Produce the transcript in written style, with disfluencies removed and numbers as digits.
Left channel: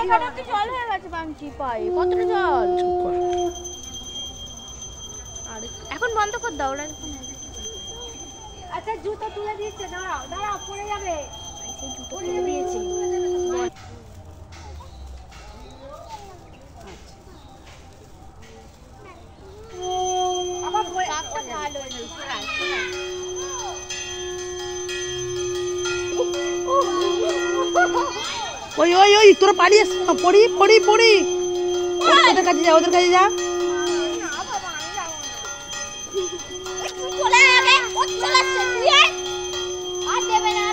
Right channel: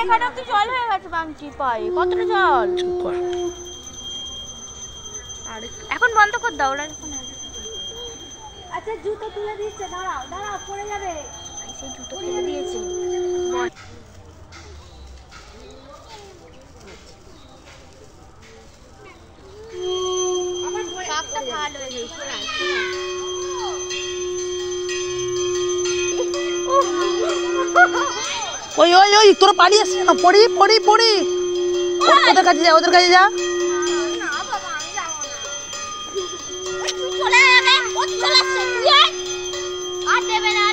এখানে তো জল হয়ে গেছে বাঙ্কি পায়ে কতটা জল। চুপ কর। এখন বন্ধ কর দাও ওরা এখন। আচ্ছা জুতো তুলে দিচ্ছে, দাঁড়াও দাঁড়াও পড়ে যাবে। সেই জুতো তুলে দিয়েছে। কাকটা ভালো হয়েছে। ওই ওই ওই তোরা পালিয়ে আসছিস না, পড়ি পড়ি পড়ি। ওদের কাছে যা, ওদের কাছে যা। না বাবা আমি যাবো না। ওই তুই চলে যাবে, ও চলে আসছে তুই আর দেবে না।